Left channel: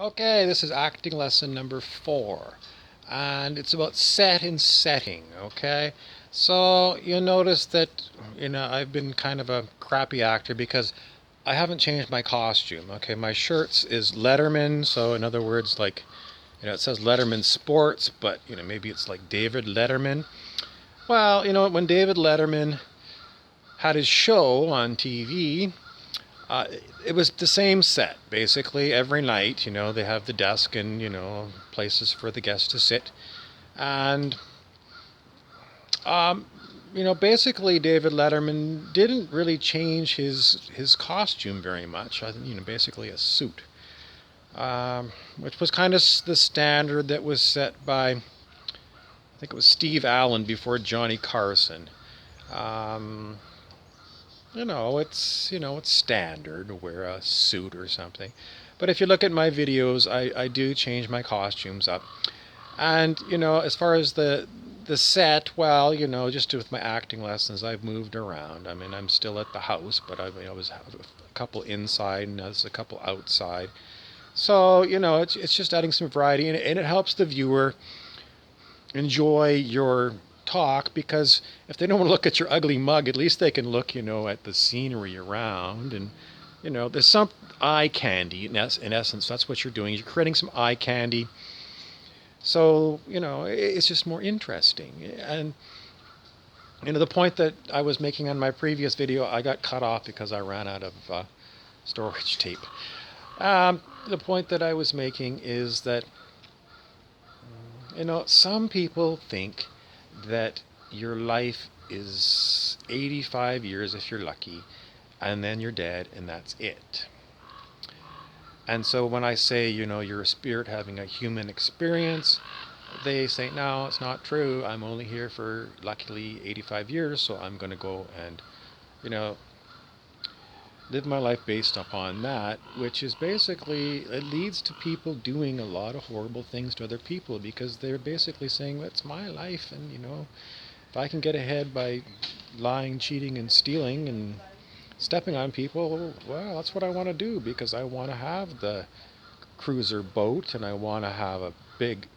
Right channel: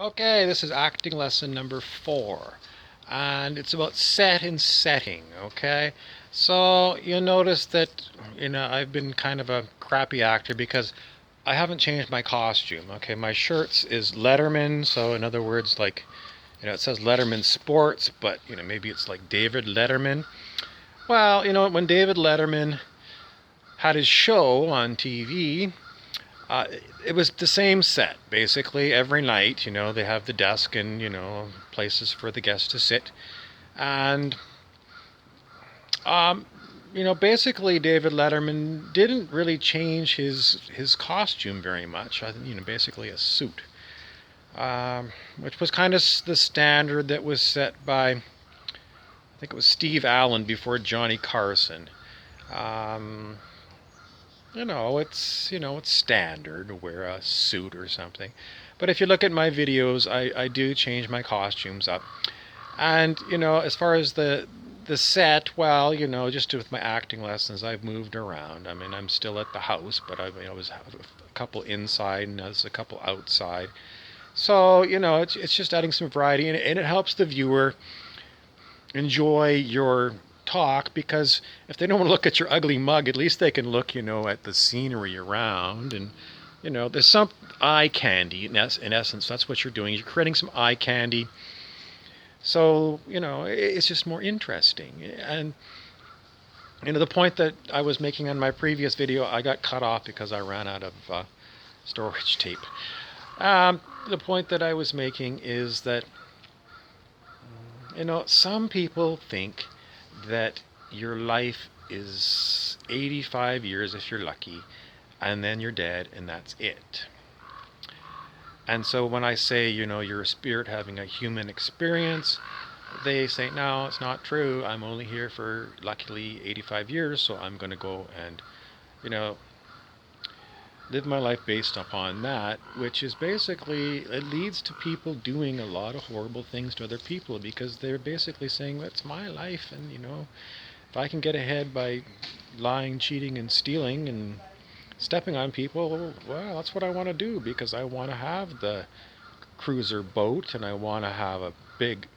Okay, this is acting lesson number 4, and it's about set and setting. Okay, so you'll notice that I've been kind of a crappy actor because I haven't changed my costume. Okay, my shirts is Letterman, so in other words, like it says Letterman Sports, but maybe it's like David Letterman. Well, when David Letterman had his show on TV, uh, it was the same set basically every night. They have the desk and places for the guests to sit, and um, basically David Letterman didn't really change his costume very much. Basically a suit, which was kind of the standard that was set by, I think it was Steve Allen before Johnny Carson. Um, it's standard to wear a suit or something. But if you look at my videos, I do change my costumes up. And as far as the set, well, just with my acting lessons, I've moved around. I mean, I'm still at the house, but I was a couple inside and there's a couple outside. So it's just adding some variety, and it helps the viewer enjoy your talk, because if they don't want to look at your ugly mug, at least they can look, at the scenery around. And there's some eye candy in essence. That's what you're doing. You're creating some eye candy, so it's just more interesting. And the point that I was making on my previous video, I got cut off because I ran out of storage tape. The point that I was making is that some people think that your life is 85 years if you're lucky, and then you're dead, and that's it. And so when I say, you're a spirit having a human experience, they say, no, it's not true. I'm only here for luckily 85 years, so I'm going to go and, you know, live my life based upon that, which is basically, it leads to people doing a lot of horrible things to other people, because they're basically saying, that's my life, and if I can get ahead by lying, cheating, and stealing and stepping on people, well, that's what I want to do, because I want to have the cruiser boat, and I want to have a big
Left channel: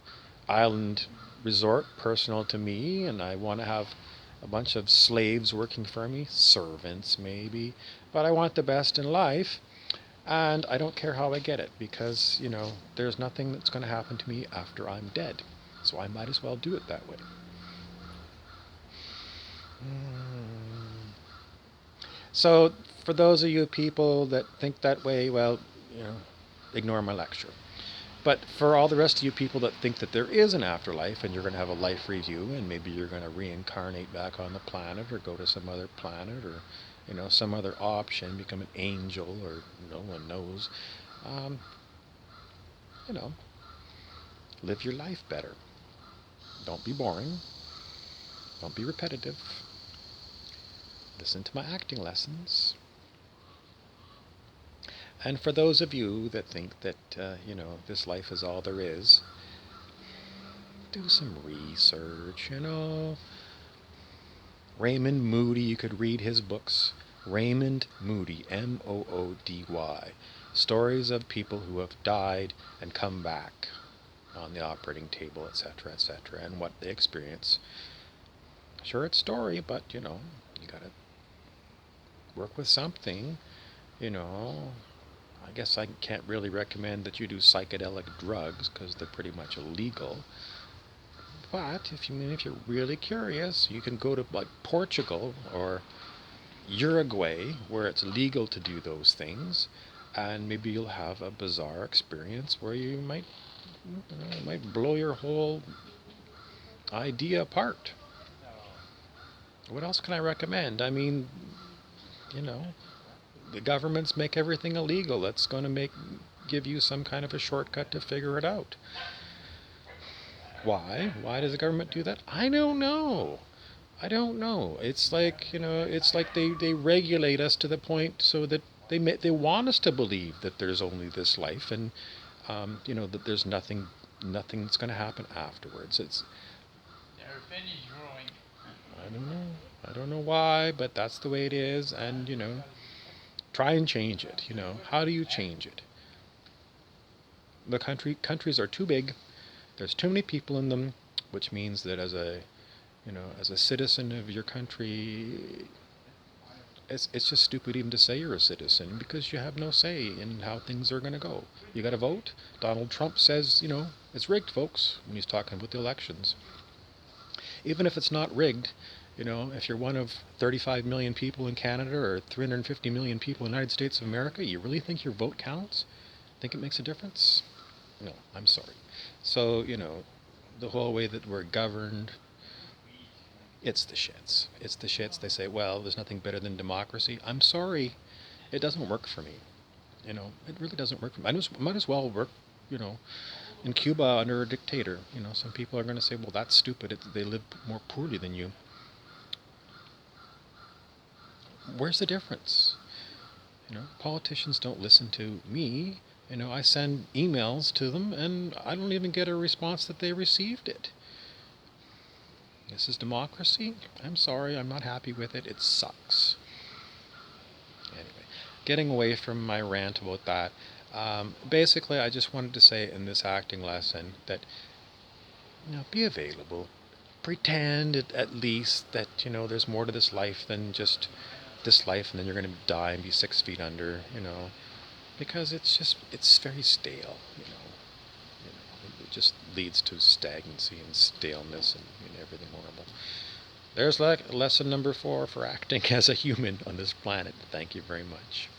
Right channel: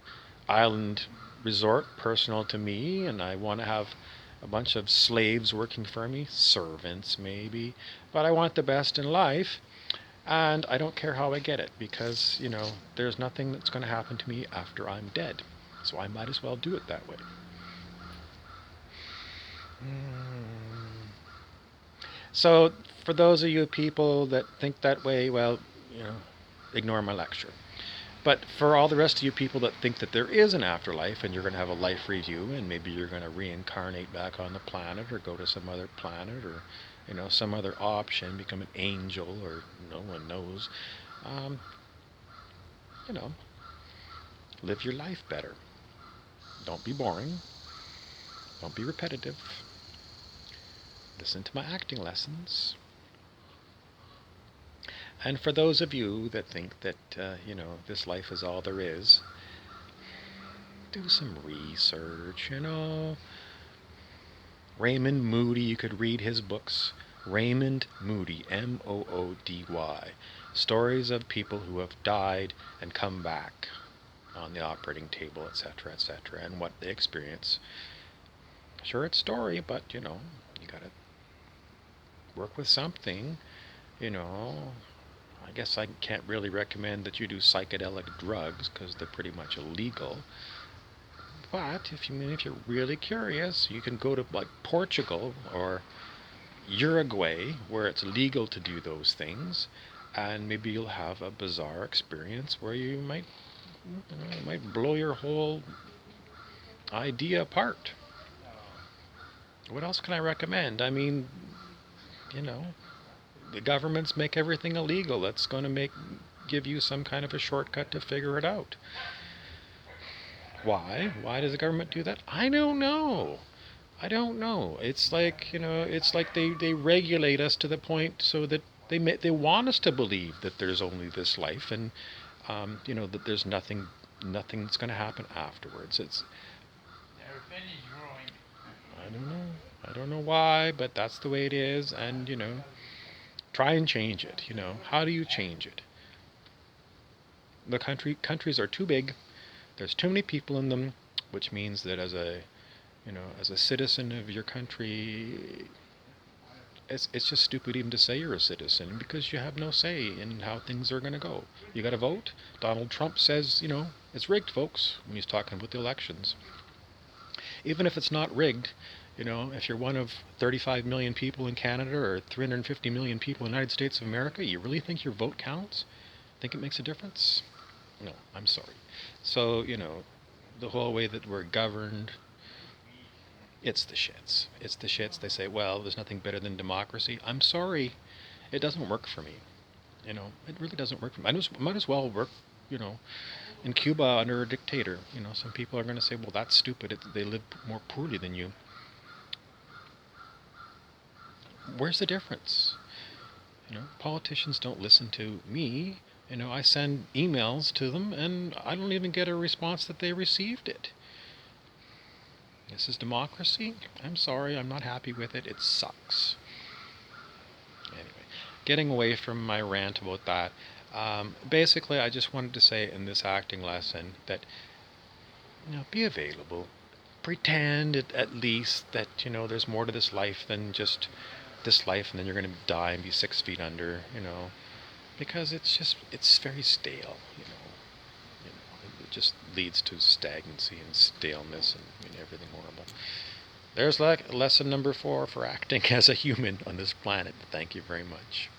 island resort personal to me, and I want to have a bunch of slaves working for me, servants maybe, but I want the best in life, and I don't care how I get it, because, there's nothing that's going to happen to me after I'm dead, so I might as well do it that way. So, for those of you people that think that way, well, ignore my lecture. But for all the rest of you people that think that there is an afterlife and you're going to have a life review, and maybe you're going to reincarnate back on the planet or go to some other planet, or some other option, become an angel, or no one knows, um, you know, live your life better. Don't be boring. Don't be repetitive. Listen to my acting lessons. And for those of you that think that, this life is all there is, do some research, Raymond Moody, you could read his books. Raymond Moody, Moody. Stories of people who have died and come back on the operating table, etc., etc., and what they experience. Sure, it's story, but, you gotta work with something, I guess I can't really recommend that you do psychedelic drugs because they're pretty much illegal. But if you're really curious, you can go to like Portugal or Uruguay, where it's legal to do those things, and maybe you'll have a bizarre experience where you might, it might blow your whole idea apart. What else can I recommend? I mean, you know, the governments make everything illegal. That's going to give you some kind of a shortcut to figure it out. Why? Why does the government do that? I don't know. I don't know. It's like, it's like they regulate us to the point so that they want us to believe that there's only this life, and that there's nothing that's going to happen afterwards. It's, They're finished growing. I don't know. I don't know why, but that's the way it is, and try and change it. How do you change it? The countries are too big. There's too many people in them, which means that as a citizen of your country, it's just stupid even to say you're a citizen because you have no say in how things are going to go. You got to vote. Donald Trump says, it's rigged, folks, when he's talking about the elections. Even if it's not rigged, if you're one of 35 million people in Canada or 350 million people in the United States of America, you really think your vote counts? Think it makes a difference? No, I'm sorry. So, the whole way that we're governed, it's the shits. It's the shits. They say, well, there's nothing better than democracy. I'm sorry. It doesn't work for me. It really doesn't work for me. Might as well work, in Cuba under a dictator. Some people are going to say, well, that's stupid. They live more poorly than you. Where's the difference? Politicians don't listen to me. I send emails to them, and I don't even get a response that they received it. This is democracy? I'm sorry, I'm not happy with it. It sucks. Anyway, getting away from my rant about that, basically I just wanted to say in this acting lesson that, be available. Pretend at least that, there's more to this life than just this life and then you're going to die and be 6 feet under, because it's very stale, it just leads to stagnancy and staleness and everything horrible. There's lesson number 4 for acting as a human on this planet. Thank you very much.